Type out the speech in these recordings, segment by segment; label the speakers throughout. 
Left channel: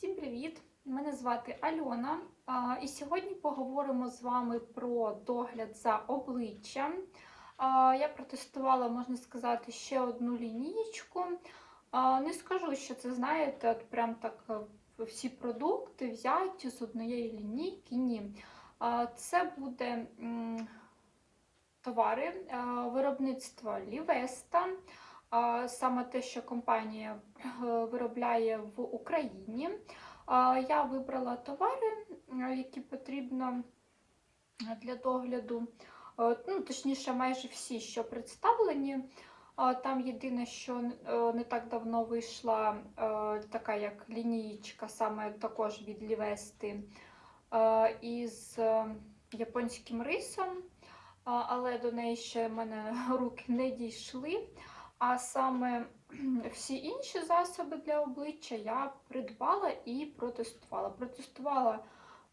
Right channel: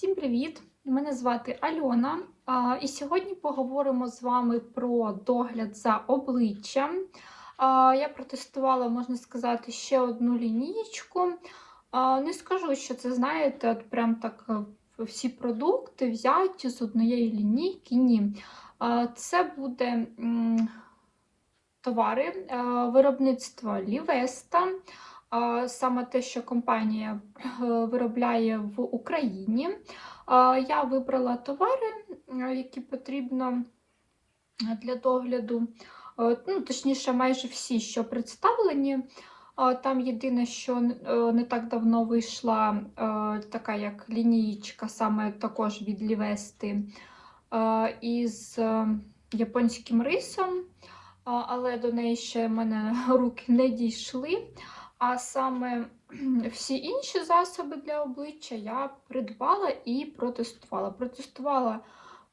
Speaker 1: Всім привіт! Мене звати Альона. І сьогодні поговоримо з вами про догляд за обличчям. Я протестувала, можна сказати, ще одну лінієчку. Не скажу, що це, знаєте, от прям так е, всі продукти взяті з однієї лінійки. Ні. Це буде товари е, виробництва Лівеста. Саме те, що компанія е, виробляє в Україні. Я вибрала товари, е, які потрібно для догляду. Е, Ну, точніше, майже всі, що представлені. Там єдине, що е, не так давно вийшла е, така як лінієчка, саме також від Лівести е, із е, японським рисом, але до неї ще в мене руки не дійшли. А саме всі інші засоби для обличчя я придбала і протестувала. Протестувала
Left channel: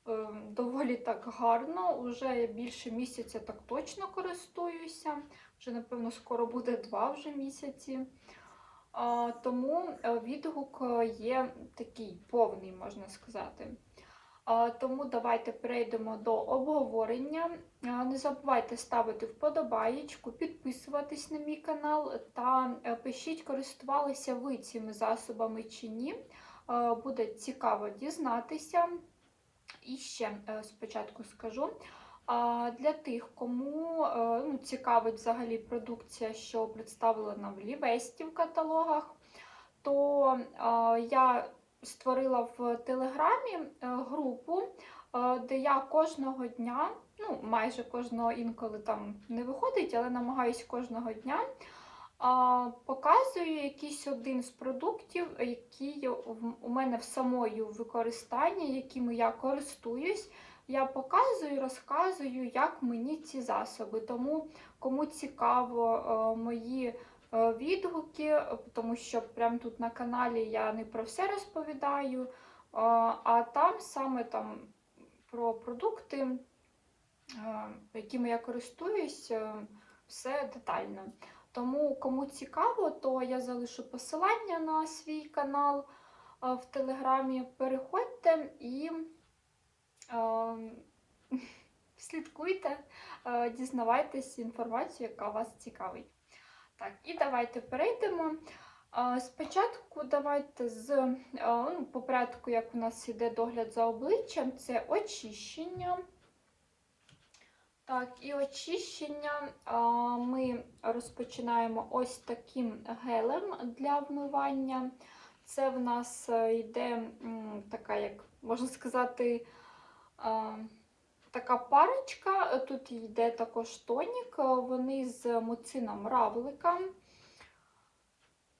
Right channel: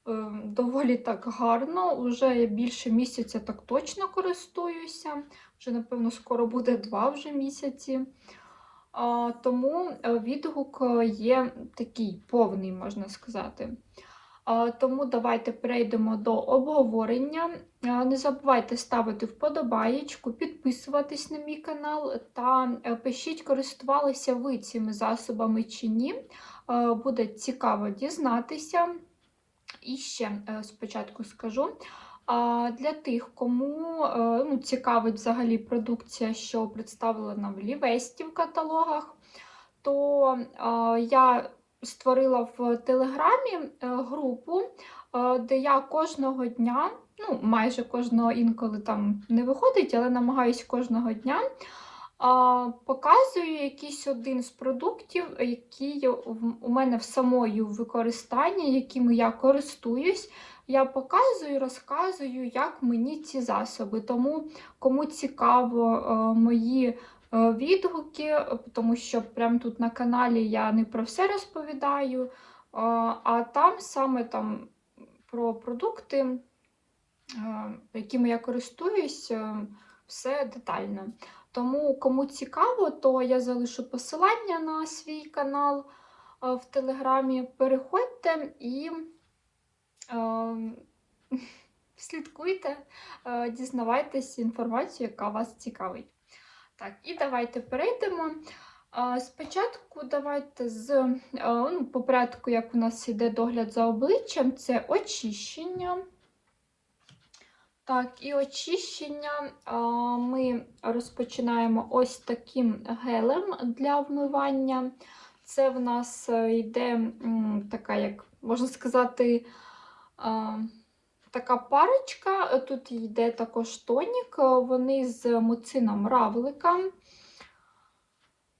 Speaker 1: е, доволі так гарно, вже більше місяця так точно користуюся. Вже, напевно, скоро буде два вже місяці. А, тому е, відгук є такий повний, можна сказати. Тому давайте перейдемо до обговорення. Не забувайте ставити вподобаєчку, підписуватись на мій канал та е, пишіть, користувалися ви цими засобами чи ні. Буде цікаво дізнатися. І ще е, спочатку скажу. Для тих, кому е, ну, цікавить взагалі продукція, що представлена в Лівесті в каталогах, то я створила в Телеграмі е, групу, е, де я кожного дня, ну майже кожного інколи там не виходить, але намагаюсь кожного дня. Показую якийсь один з продуктів, який у мене в самої в використанні, якими я користуюсь. Я показую, розказую, як мені ці засоби. Тому кому цікаво е, мої е, відгуки, е, тому що прямо тут на каналі я не про все розповідаю, е, а там саме там про продукти, е, якими я користуюсь, все детально. Тому кому цікаво, то я залишу посилання на свій канал в Телеграмі. Переходьте і слідкуйте, дізнавайтесь інформацію, яка вас цікавить. Так, і давайте перейдемо. Спочатку давайте з е, ну, по порядку, як у нас йде догляд за обличчям, це очищення. Так, і очищення ми розпочинаємо ось таким гелем для вмивання. Це в нас е, йде така, як можна сказати, така парочка. Тут йде також тонік, вони з муцином равлика.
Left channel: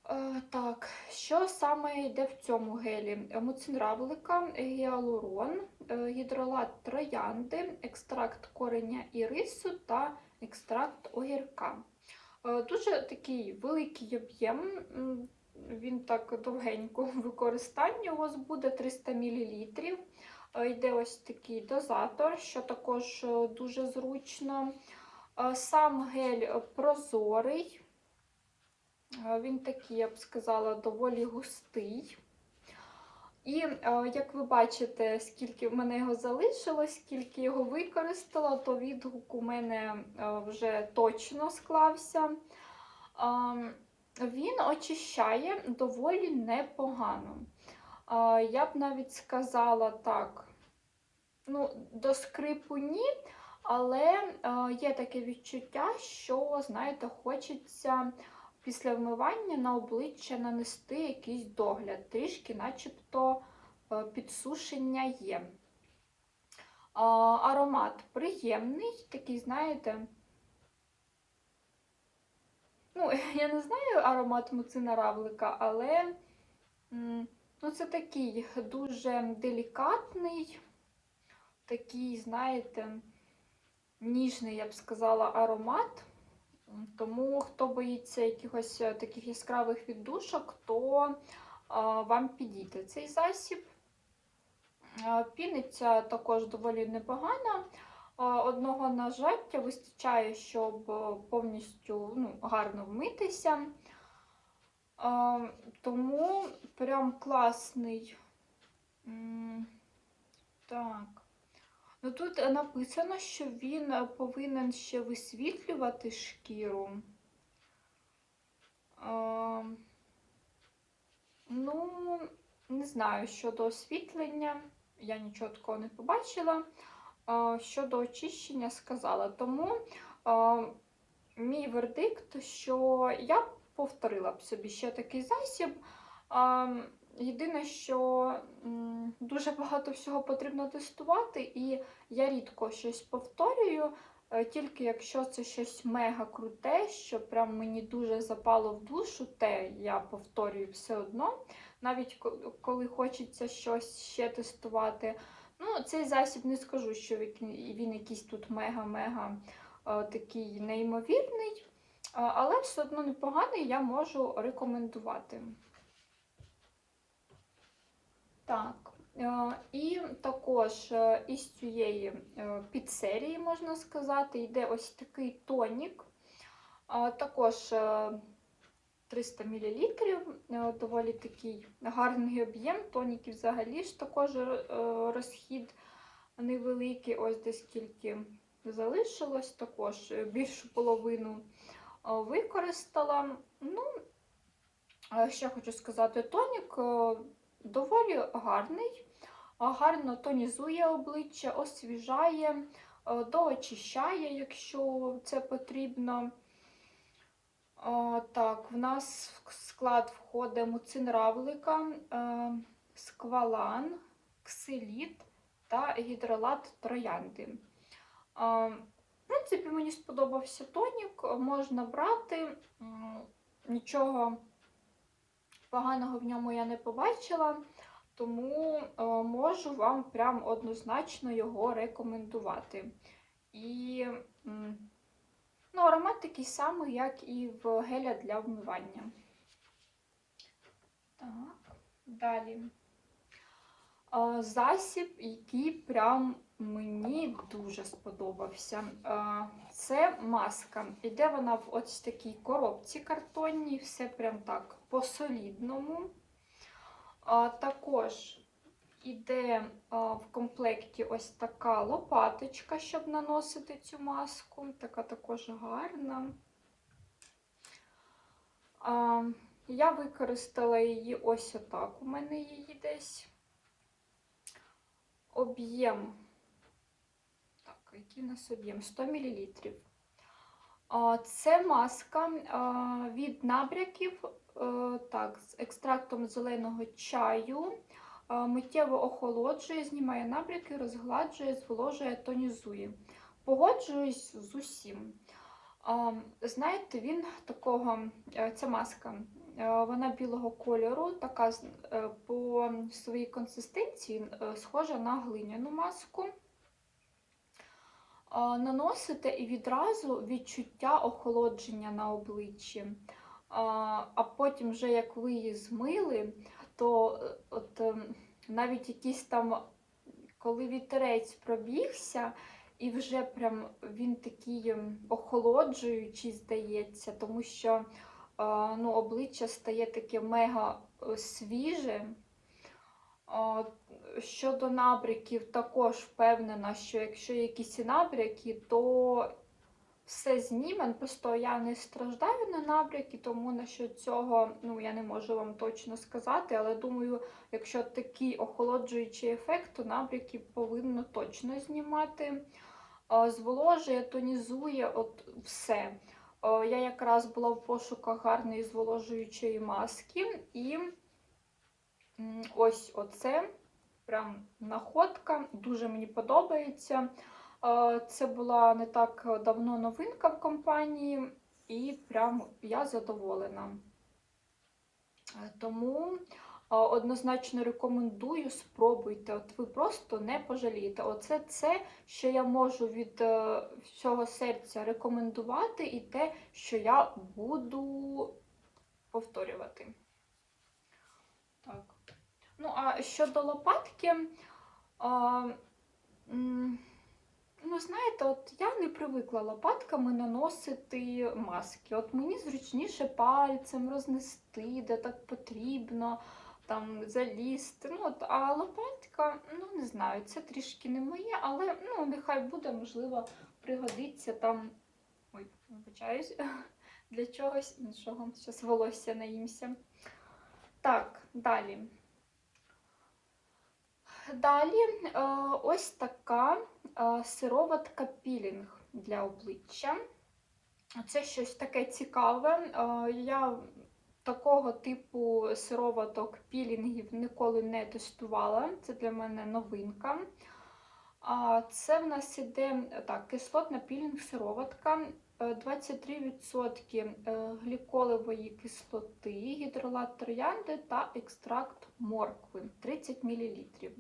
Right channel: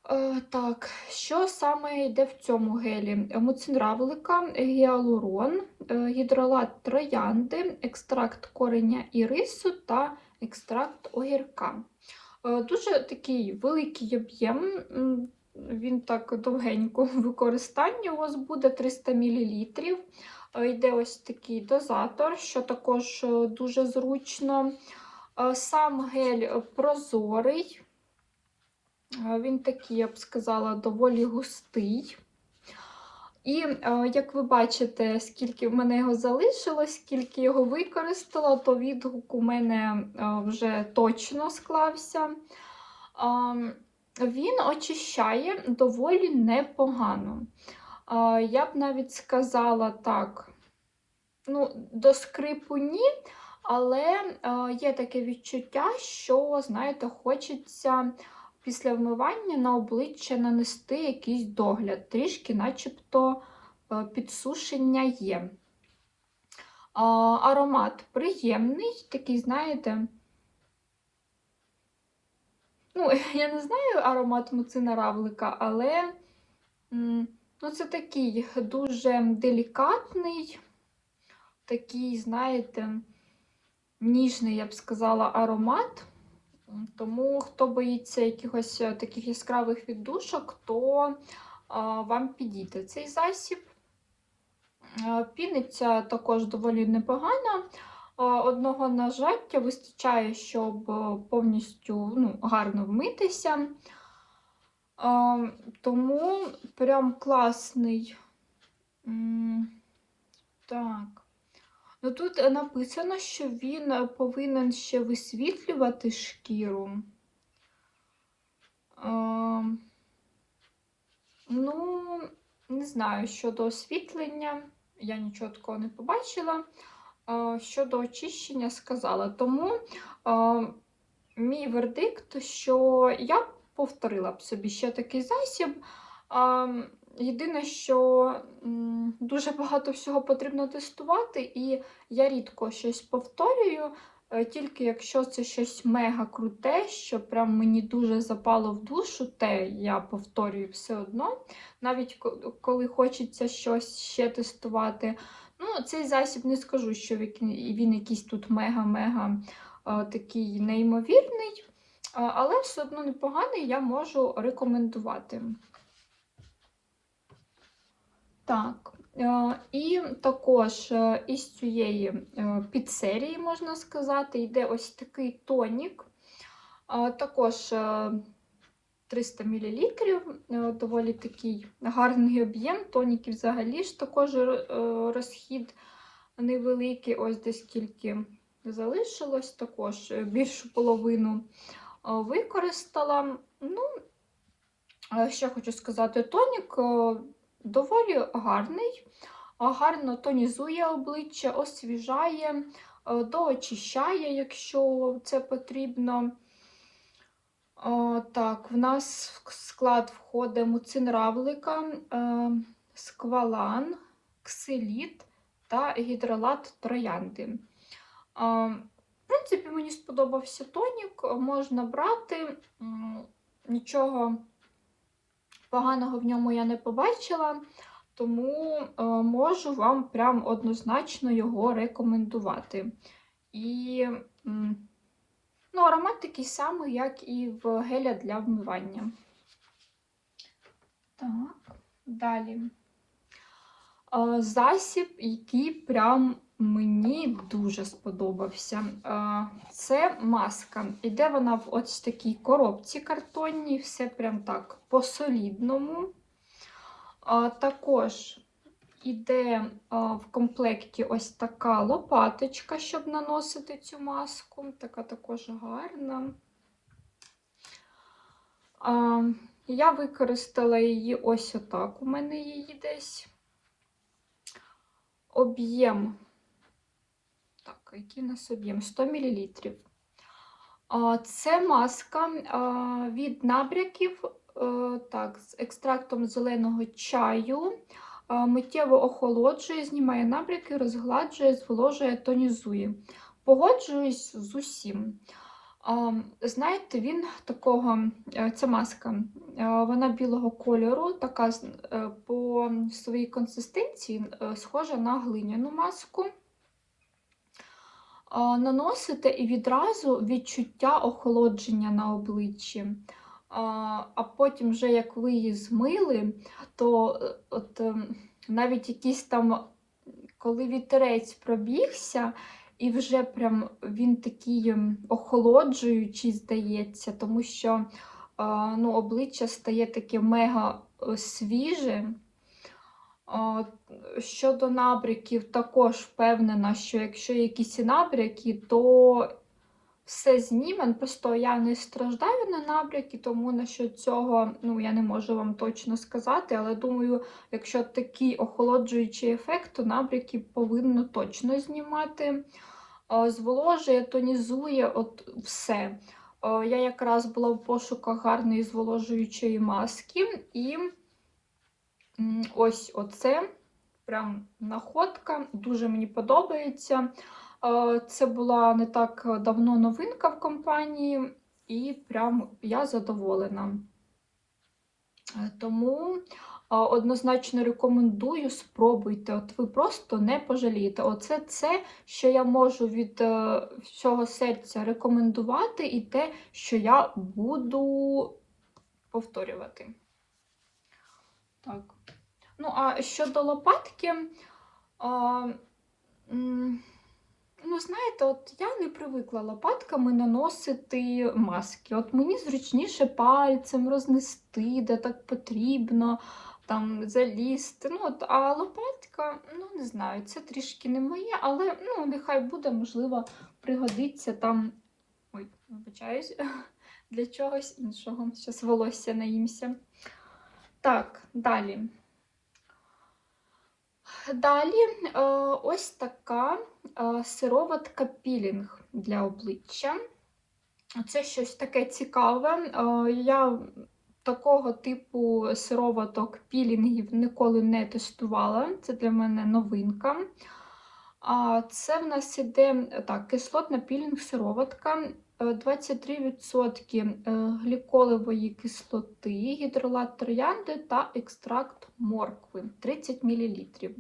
Speaker 1: Е, Так, що саме йде в цьому гелі? Муцин равлика, гіалурон, е, гідролат троянди, екстракт кореня ірису та екстракт огірка. Е, Дуже такий великий об'єм, він так довгенько в використанні у вас буде 300 мл. Е, Йде ось такий дозатор, що також е, дуже зручно. Е, Сам гель прозорий. Він такий, я б сказала, доволі густий. І як ви бачите, скільки в мене його залишилось, скільки його використала, то відгук у мене вже точно склався. Він очищає доволі непогано. Я б навіть сказала так, ну, до скрипу ні, але є таке відчуття, що, знаєте, хочеться після вмивання на обличчя нанести якийсь догляд, трішки, начебто, е, підсушення є. Аромат приємний, такий, знаєте. Ну, я не знаю аромат муцина равлика, але ну, це такий дуже делікатний, такий, знаєте, ніжний, я б сказала, аромат. Тому, хто боїться якихось е, таких яскравих віддушок, то а, вам підійде цей засіб. Піниться також доволі непогано. Одного нажаття вистачає, щоб е, повністю ну, гарно вмитися. А, Тому прям класний Так. Ну тут написано, що він повинен ще висвітлювати шкіру. Ем, Ну, не знаю, щодо освітлення, я нічого такого не побачила. Е, Щодо очищення сказала. Тому е, мій вердикт, що я повторила б собі ще такий засіб. Єдине, що дуже багато всього потрібно тестувати, і я рідко щось повторюю, е, тільки якщо це щось мега круте, що прям мені дуже запало в душу, те я повторюю все одно. Навіть коли хочеться щось ще тестувати. Ну, цей засіб не скажу, що він якийсь тут мега-мега е, такий неймовірний, але все одно непоганий, я можу рекомендувати. Так, е, і також е, із цієї е, підсерії, можна сказати, йде ось такий тонік. Також е, 300 мл, доволі такий гарний об'єм. Тоніків взагалі ж також розхід невеликий, ось десь скільки залишилось, також більшу половину використала. Ну, е, ще хочу сказати, тонік е, доволі гарний, гарно тонізує обличчя, освіжає, е, доочищає, якщо це потрібно. Так, в нас в склад входить муцин равлика, е, сквалан, ксиліт та гідролат троянди. В принципі, мені сподобався тонік, можна брати, нічого поганого в ньому я не побачила, тому е, можу вам прям однозначно його рекомендувати. І ну, аромат такий самий, як і в геля для вмивання. Так, далі. Е, Засіб, який прям мені дуже сподобався. Це маска. Іде вона в ось такій коробці картонній, все прям так по-солідному. Також іде в комплекті ось така лопаточка, щоб наносити цю маску. Така також гарна. Я використала її ось отак. У мене її десь. Об'єм. Який у нас об'єм? 100 мл. Це маска від набряків так, з екстрактом зеленого чаю. Миттєво охолоджує, знімає набряки, розгладжує, зволожує, тонізує. Погоджуюсь з усім. Знаєте, він такого, е, ця маска, е, вона білого кольору, така е, по своїй консистенції схожа на глиняну маску. Наносите і відразу відчуття охолодження на обличчі. А, потім, вже як ви її змили, то е, от, ем, навіть якийсь там, коли вітерець пробігся, і вже прям він такий ем, охолоджуючий, здається, тому що ну, обличчя стає таке мега е, свіже. Щодо набряків, також впевнена, що якщо якісь набряки, то все зніме. Просто я не страждаю на набряки, тому насчет цього ну, я не можу вам точно сказати. Але думаю, якщо такий охолоджуючий ефект, то набряки повинно точно знімати. Зволожує, тонізує, от все. Я якраз була в пошуках гарної зволожуючої маски, і ось оце прям находка, дуже мені подобається. Це була не так давно новинка в компанії, і прям я задоволена. Е, Тому однозначно рекомендую, спробуйте. От ви просто не пожалієте. Оце це, що я можу від е, всього серця рекомендувати, і те, що я буду повторювати. Так. Ну, а щодо лопатки, а, ну, знаєте, от я не привикла лопатками наносити маски. От мені зручніше пальцем рознести, де так потрібно, там залізти. Ну, от, а сироватка. Ну, не знаю, це трішки не моє, але ну, нехай буде, можливо, пригодиться там. Ой, вибачаюсь, для чогось іншого. Зараз волосся наїмся. Так, далі. Далі е, ось така е, сироватка пілінг для обличчя. Це щось таке цікаве. Е, я такого типу сироваток пілінгів ніколи не тестувала. Це для мене новинка. Це в нас іде так, кислотна пілінг сироватка. е, 23% е, гліколевої кислоти, гідролат троянди та екстракт моркви 30 мл. Е,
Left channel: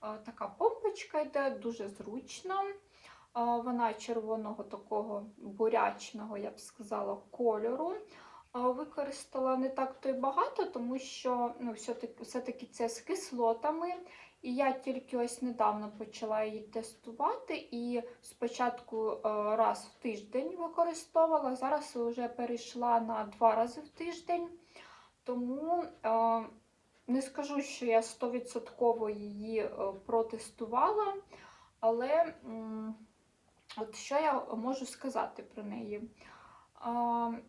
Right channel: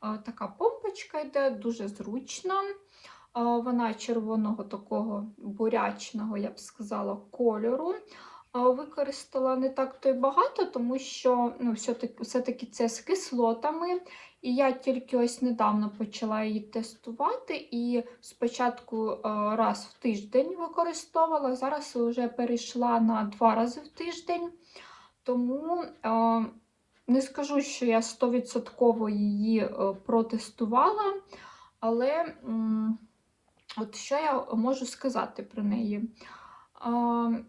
Speaker 1: Така помпочка йде дуже зручно. Е, Вона червоного такого бурячного, я б сказала, кольору. Е, Використала не так то й багато, тому що ну, все-таки, все-таки це з кислотами. І я тільки ось недавно почала її тестувати. І спочатку е, раз в тиждень використовувала, зараз вже перейшла на два рази в тиждень. Тому е, не скажу, що я 100% її е, протестувала, але от що я можу сказати про неї?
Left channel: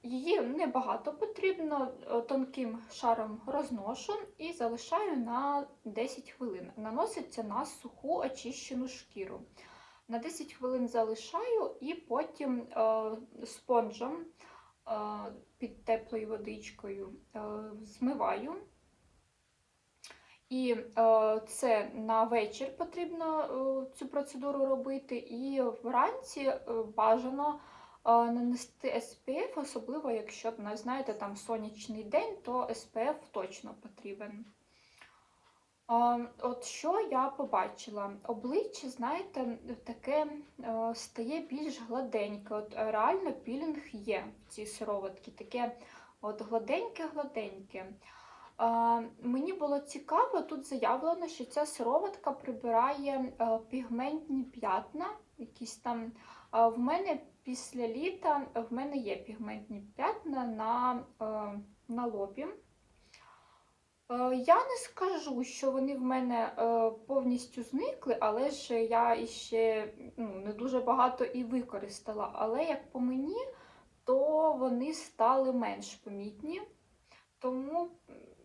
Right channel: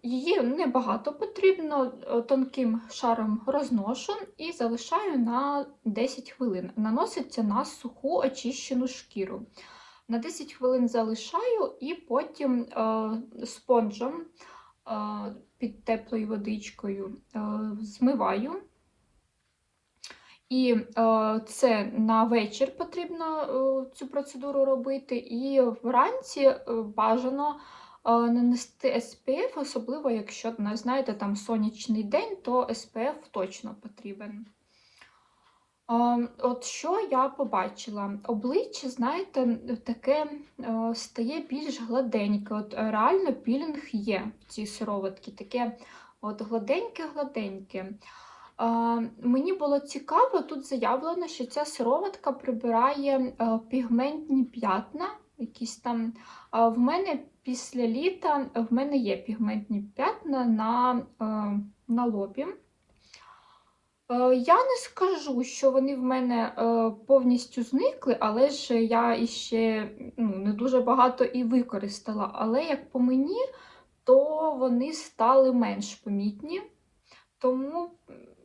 Speaker 1: Її небагато потрібно, е, тонким шаром розношу і залишаю на 10 хвилин. Наноситься на суху очищену шкіру. На 10 хвилин залишаю і потім е, спонжем е, під теплою водичкою змиваю. І це на вечір потрібно цю процедуру робити, і вранці бажано нанести SPF, особливо якщо, знаєте, там сонячний день, то SPF точно потрібен. От що я побачила? Обличчя, знаєте, таке стає більш гладеньке. От реально пілінг є в цій сироватці, таке от гладеньке-гладеньке. Мені було цікаво, тут заявлено, що ця сироватка прибирає пігментні п'ятна. Якісь там. В мене після літа в мене є пігментні п'ятна на, е, на лобі. Е, Я не скажу, що вони в мене е, повністю зникли, але ж я іще ну, не дуже багато і використала. Але як по мені, то вони стали менш помітні. Тому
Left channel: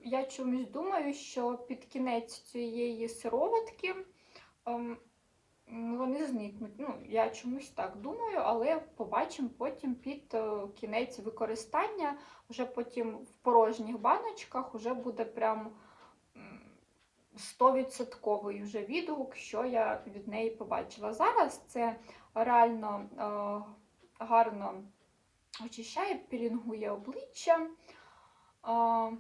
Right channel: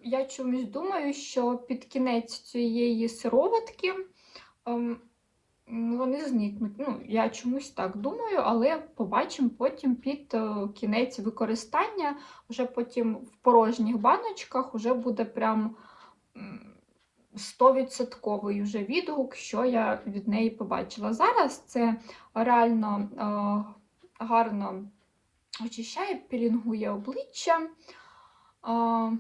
Speaker 1: я чомусь думаю, що під кінець цієї сироватки ем, вони зникнуть. Ну, я чомусь так думаю, але побачимо потім під е, кінець використання, вже потім в порожніх баночках вже буде прям м, 100% вже відгук, що я від неї побачила. Зараз це реально е, гарно очищає, пілінгує обличчя. А,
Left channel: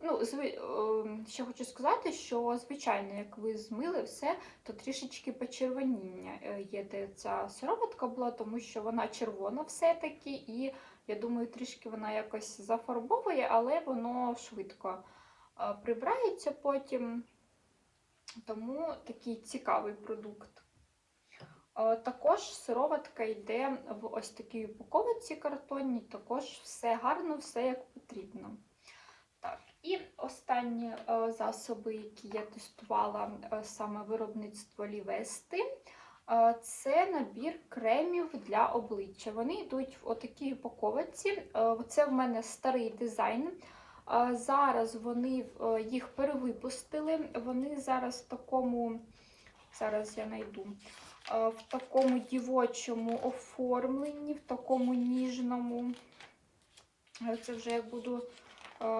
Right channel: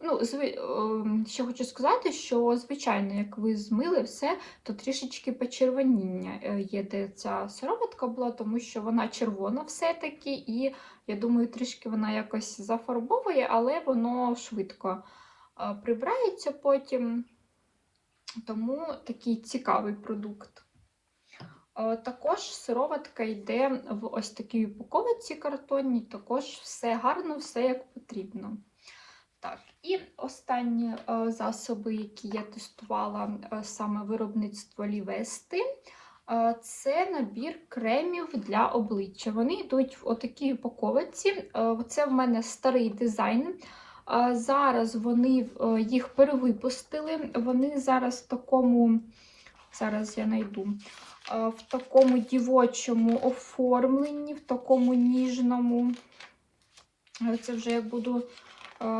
Speaker 1: ну, зви... ем, Ще хочу сказати, що, звичайно, як ви змили все, то трішечки почервоніння е, є, де ця сироватка була, тому що вона червона все-таки, і я думаю, трішки вона якось зафарбовує, але воно швидко е, прибирається потім. Тому такий цікавий продукт. Е, Також сироватка йде в ось такій упаковці картонній, також все гарно, все як потрібно. Так, і останні е, засоби, які я тестувала е, саме виробництво Лівести, е, це набір кремів для обличчя. Вони йдуть в отакій упаковці. Це в мене старий дизайн. Зараз вони їх перевипустили. Вони зараз в такому, зараз я знайду, е, в такому дівочому оформленні, в такому ніжному. Це вже як буду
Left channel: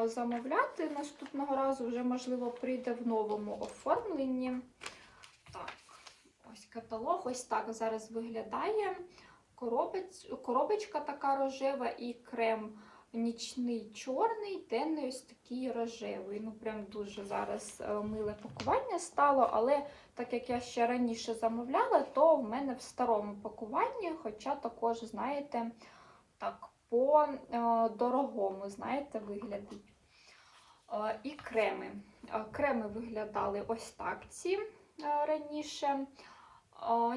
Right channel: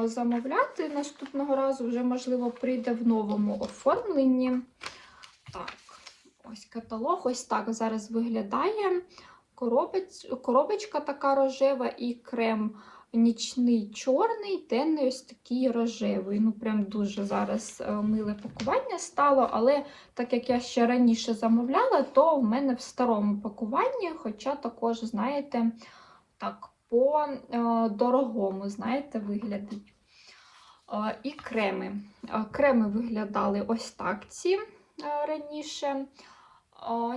Speaker 1: замовляти наступного разу, вже, можливо, прийде в новому оформленні. Так, ось каталог, ось так зараз виглядає. Коробець, коробочка така рожева і крем нічний чорний, денний ось такий рожевий. Ну, прям дуже зараз е, миле пакування стало, але так як я ще раніше замовляла, то в мене в старому пакуванні, хоча також, знаєте, так, по е, дорогому, знаєте, виглядить. Е, І креми. Е, Креми виглядали ось так ці раніше.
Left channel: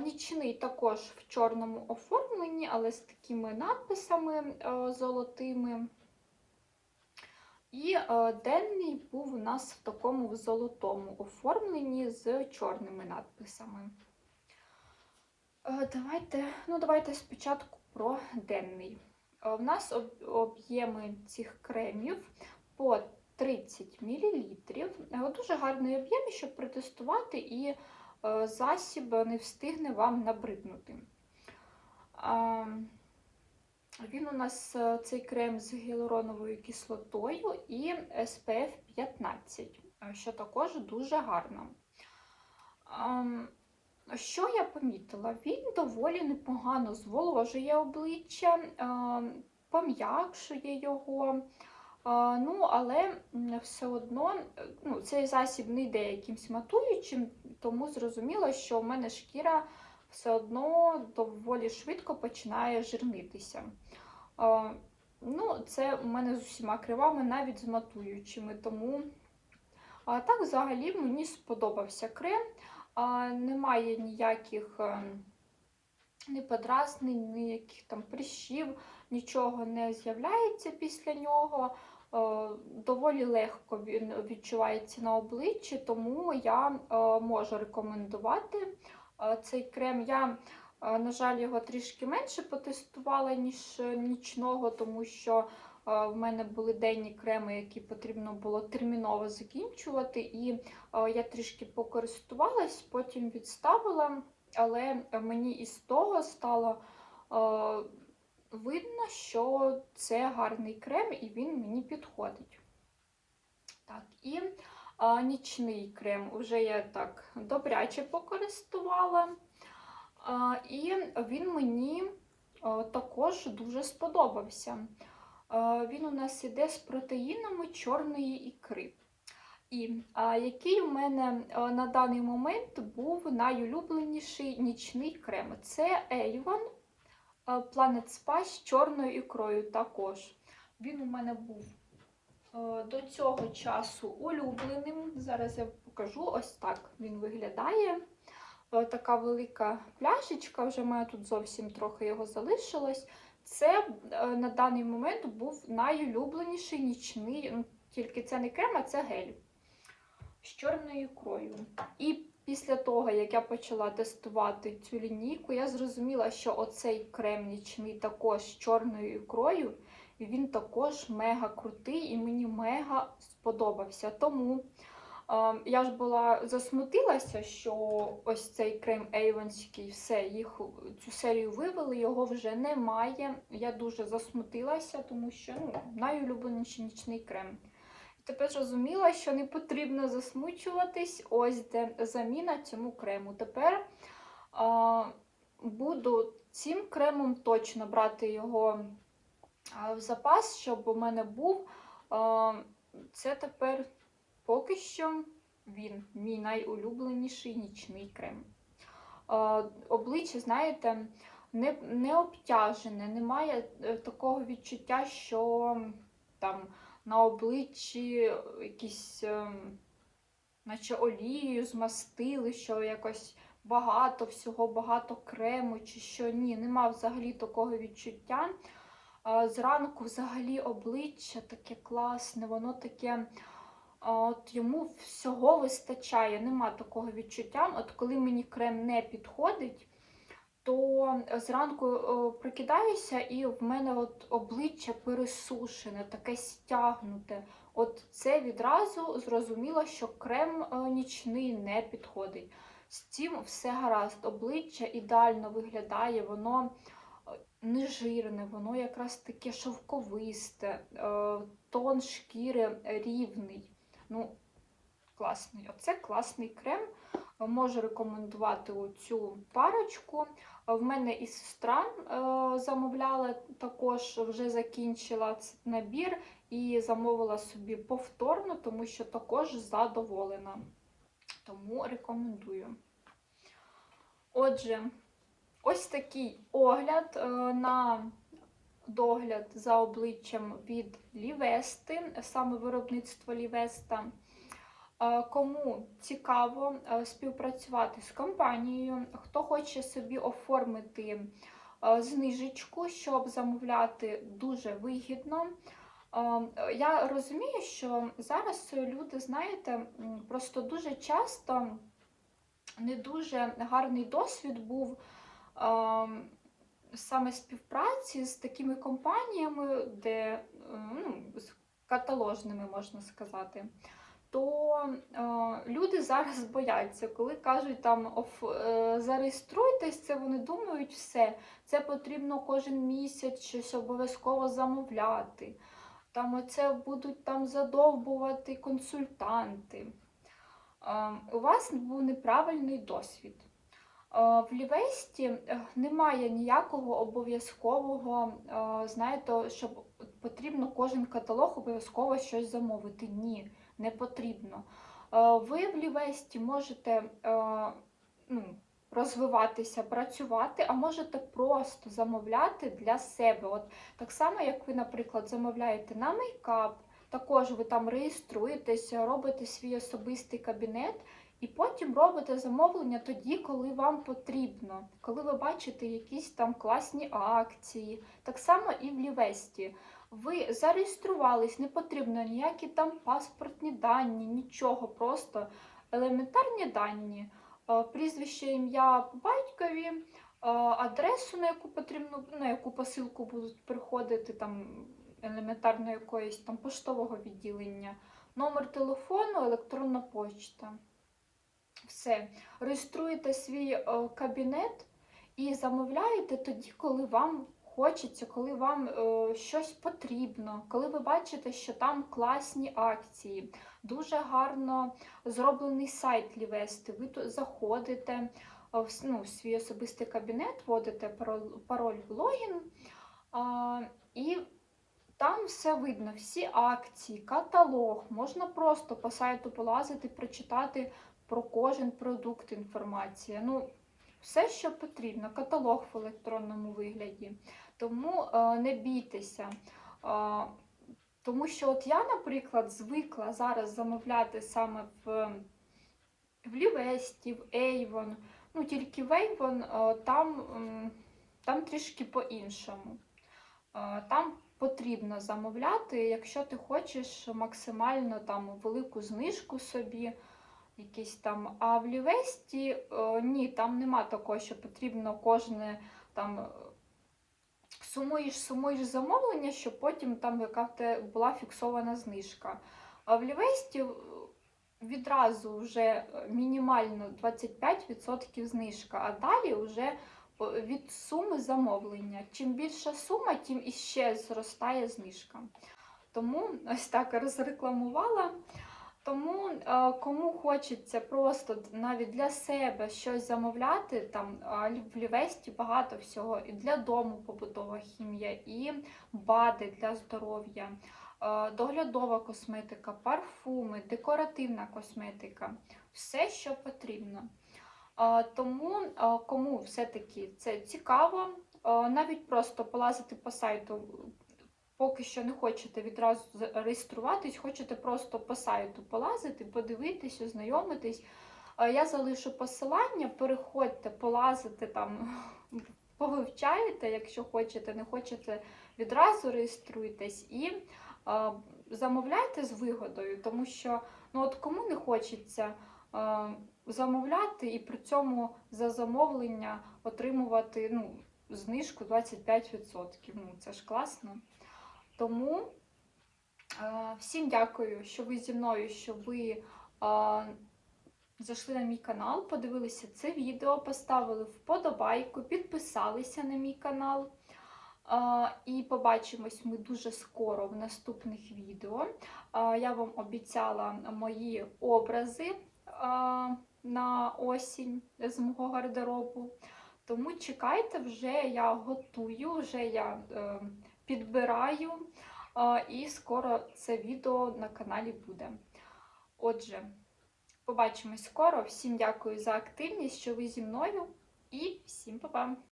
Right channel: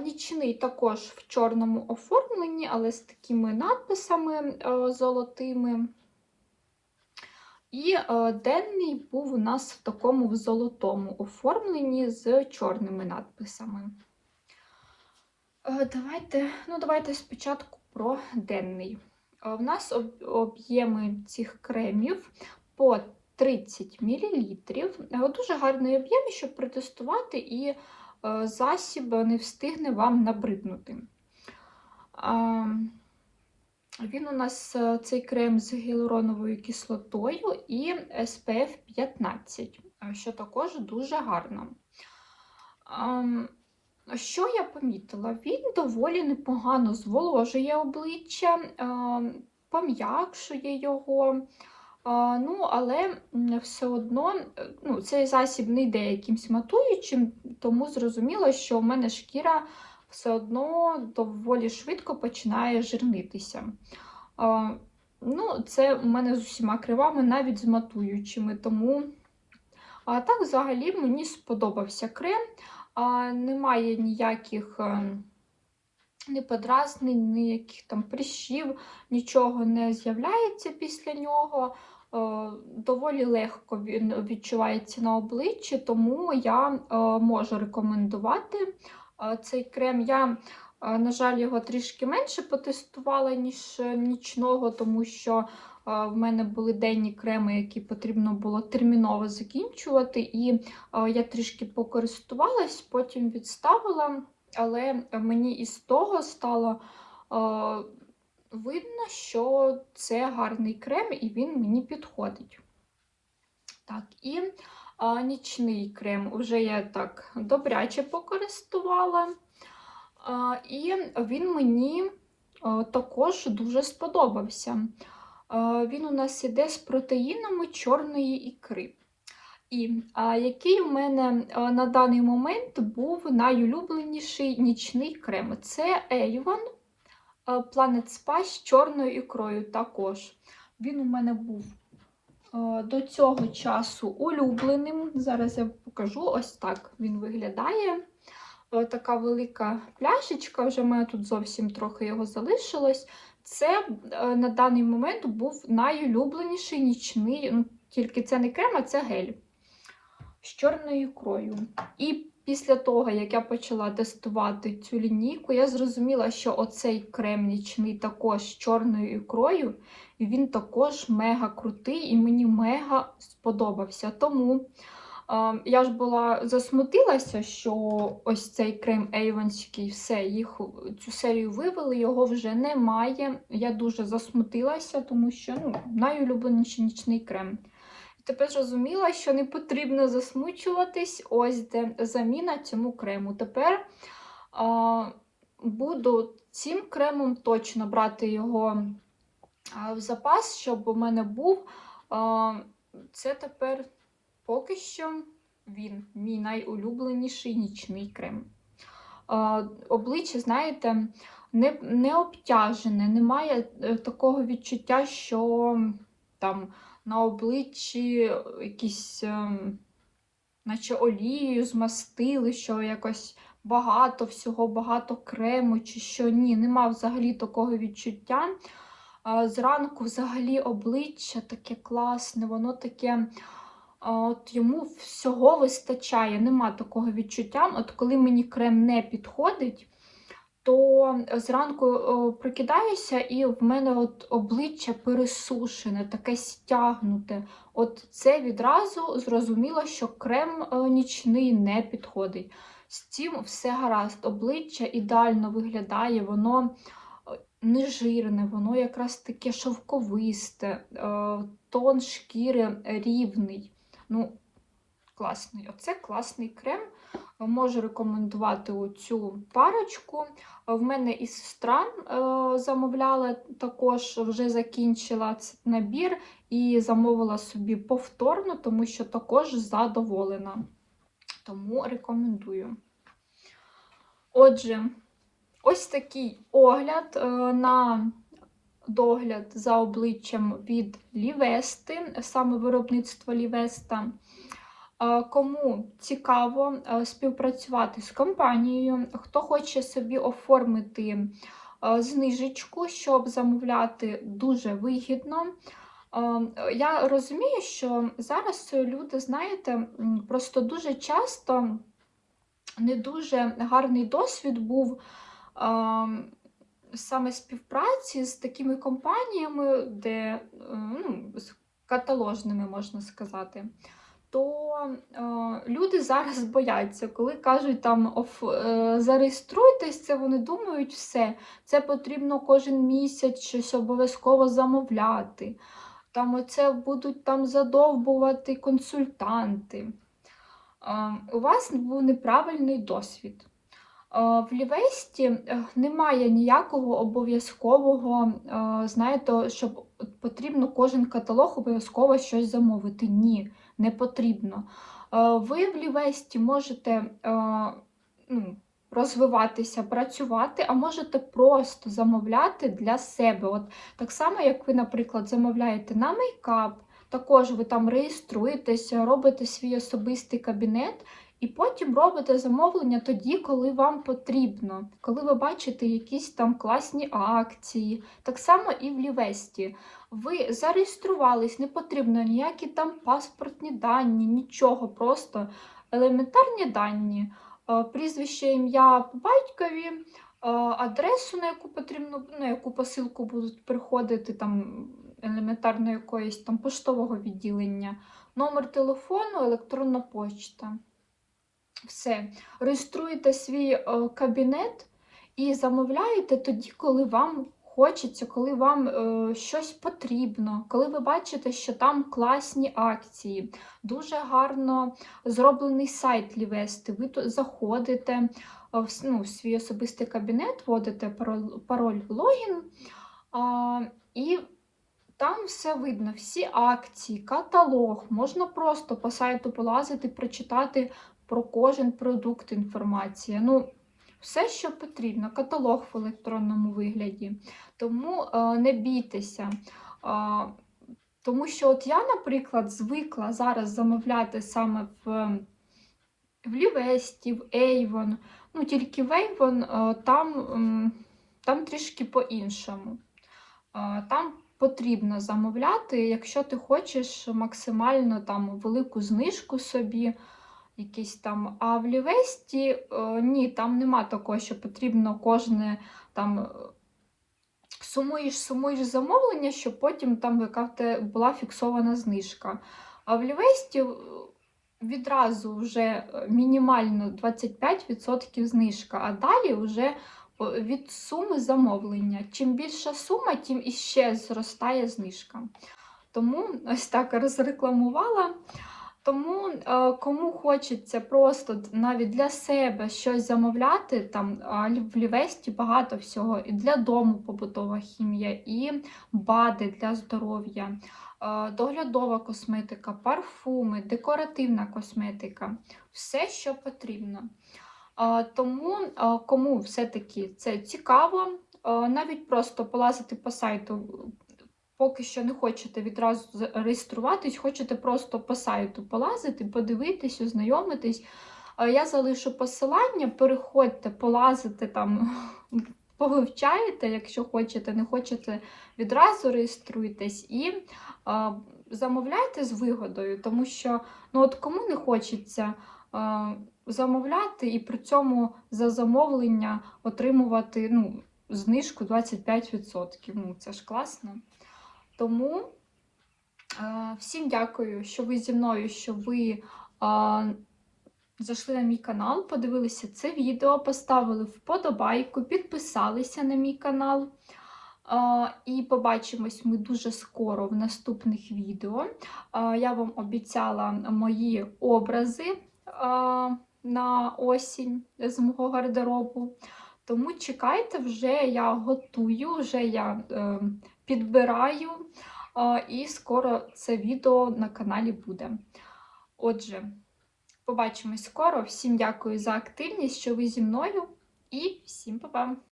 Speaker 1: Нічний також в чорному оформленні, але з такими надписами золотими. І денний був у нас в такому в золотому оформленні з чорними надписами. Давайте, ну, давайте спочатку про денний. Е, В нас об'єми цих кремів по 30 мл. Дуже гарний об'єм, щоб протестувати, і е, засіб не встигне вам набриднути. Він у нас е, цей крем з гіалуроновою кислотою і SPF 15, е, що також дуже гарно. Що я помітила? Він доволі непогано зволожує обличчя, пом'якшує його. Ну, але все одно е, ну, цей засіб не йде якимсь матуючим, тому зрозуміло, що в мене шкіра все одно доволі швидко починає жирнитися. Ну, це у мене з усіма кривами, навіть з матуючими. Тому а так взагалі мені сподобався крем. А, Немає ніяких е, ні подразнень, ніяких там прищів, нічого не з'являється після нього. Е, Доволі легко він відчувається на обличчі, тому я е, можу рекомендувати е, цей крем. Я, на жаль, його трішки менше потестувала, ніж нічного, тому що в мене були денні креми, які потрібно було терміново закінчувати. І я трішки покористувалась, потім відставила, але мені із того стало. Видно, що це гарний крем і він мені підходить. Так, і нічний крем вже я так добряче покористувала. І він мені також дуже сподобався. А, він у нас іде з протеїнами чорної ікри. І а, який у мене а, на даний момент був найулюбленіший нічний крем? Це Avon Planet Spa з чорною ікрою також. Він у мене був е, до цього часу улюбленим. Зараз я покажу ось так він виглядає. Е, Така велика пляшечка, вже в мене тут зовсім трохи його залишилось. Це е, на даний момент був найулюбленіший нічний, ну, тільки це не крем, а це гель з чорною ікрою. І після того, як я почала тестувати цю лінійку, я зрозуміла, що оцей крем нічний також з чорною ікрою, він також мега крутий і мені мега сподобався. Тому я ж була засмутилася, що ось цей крем Avonський, все, їх цю серію вивели, його вже немає. Я дуже засмутилася, тому що ну, найулюбленіший нічний крем. Тепер зрозуміла, що не потрібно засмучуватись. Ось де заміна цьому крему. Тепер а, буду цим кремом точно брати його в запас, щоб у мене був. А, це тепер поки що він, мій найулюбленіший нічний крем. Обличчя, знаєте, не, не обтяжене, немає е, такого відчуття, що там на обличчі якісь, ем, наче олією змастили, що якось багато всього, багато крему, чи що ні, нема взагалі такого відчуття. Зранку взагалі обличчя таке класне, воно таке. От йому всього вистачає, нема такого відчуття. От коли мені крем не підходить, то зранку о, прокидаюся, і в мене от обличчя пересушене, таке стягнуте. От це відразу зрозуміло, що крем е, нічний не підходить. З цим все гаразд. Обличчя ідеально виглядає, воно е, не жирне, воно якраз таке шовковисте, е, тон шкіри рівний. Ну, класний. Оце класний крем. Можу рекомендувати цю парочку. В мене і сестра е, замовляла також, вже закінчила цей набір і замовила собі повторно, тому що також задоволена. Тому рекомендую. Отже, ось такий огляд е, на догляд за обличчям від Лівести, саме виробництво Лівеста. Кому цікаво співпрацювати з компанією, хто хоче собі оформити знижечку, щоб замовляти дуже вигідно, Я розумію, що зараз люди, знаєте, просто дуже часто не дуже гарний досвід був саме співпраці з такими компаніями, де е, ну, з каталожними можна сказати. То е, люди зараз бояться, коли кажуть там оф, е, зареєструйтесь, це вони думають все. Це потрібно кожен місяць щось обов'язково замовляти. Там оце будуть там задовбувати консультанти. Е, У вас був неправильний досвід. Е, В Лівесті е, немає ніякого обов'язкового, е, знаєте, щоб потрібно кожен каталог обов'язково щось замовити. Ні, не потрібно. Ви в Лівесті можете ну, розвиватися, працювати, а можете просто замовляти для себе. От так само, як ви, наприклад, замовляєте на мейкап, також ви там реєструєтеся, робите свій особистий кабінет. І потім робите замовлення тоді, коли вам потрібно, коли ви бачите якісь там класні акції. Так само і в Лівесті. Ви зареєструвались, не потрібно ніякі там паспортні дані, нічого, просто елементарні дані, Е, прізвище, ім'я по батькові, е, адресу, на яку потрібно, на яку посилку будуть приходити, там елементарно якоїсь там поштового відділення, номер телефону, електронна почта. Все. Реєструєте свій е, кабінет і замовляєте тоді, коли вам хочеться, коли вам е, щось потрібно, коли ви бачите, що там класні акції. Дуже гарно зроблений сайт Лівести. Ви тут заходите е, в, ну, в свій особистий кабінет, вводите пароль, пароль логін. І там все видно, всі акції, каталог. Можна просто по сайту полазити, прочитати про кожен продукт інформація. Ну, все, що потрібно, каталог в електронному вигляді. Тому е, не бійтеся. Е, тому що от я, наприклад, звикла зараз замовляти саме в, в Лівесті, в Avon. Ну, тільки в Avon е, там, там трішки по-іншому. Там потрібно замовляти, якщо ти хочеш максимально там велику знижку собі, якісь там. А в Лівесті е, ні, там нема такого, що потрібно кожне там е, сумуєш, сумуєш замовлення, щоб потім там яка була фіксована знижка. А в Лівесті е, відразу вже мінімально 25% знижка, а далі вже від суми замовлення. Чим більша сума, тим іще зростає знижка. Тому ось так розрекламувала. Тому е, кому хочеться просто навіть для себе щось замовляти, там в Лівесті багато всього, і для дому побутова хімія, і БАДи для здоров'я, е, доглядова косметика, парфуми, декоративна косметика, все, що потрібно. Е, Тому кому все-таки це цікаво, навіть просто полазити по сайту, поки що не хочете відразу з- реєструватись, хочете просто по сайту полазити, подивитись, ознайомитись. Я залишу посилання, переходьте, полазите там, повивчаєте, якщо хочете, не хочете, відразу реєструйтесь і е, замовляйте з вигодою, тому що ну от кому не хочеться е, замовляти і при цьому за замовлення отримувати ну, знижку 25%. Ну, це ж класно. Тому е, всім дякую, що ви зі мною, що ви е, зайшли на мій канал, подивилися це відео, поставили вподобайку, підписалися на мій канал. Е, і побачимось ми дуже скоро в наступних відео. Я вам обіцяла мої образи на осінь з мого гардеробу. Тому чекайте, вже я готую, вже я підбираю, і скоро це відео на каналі буде. Отже, побачимось скоро. Всім дякую за активність, що ви зі мною, і всім па-па!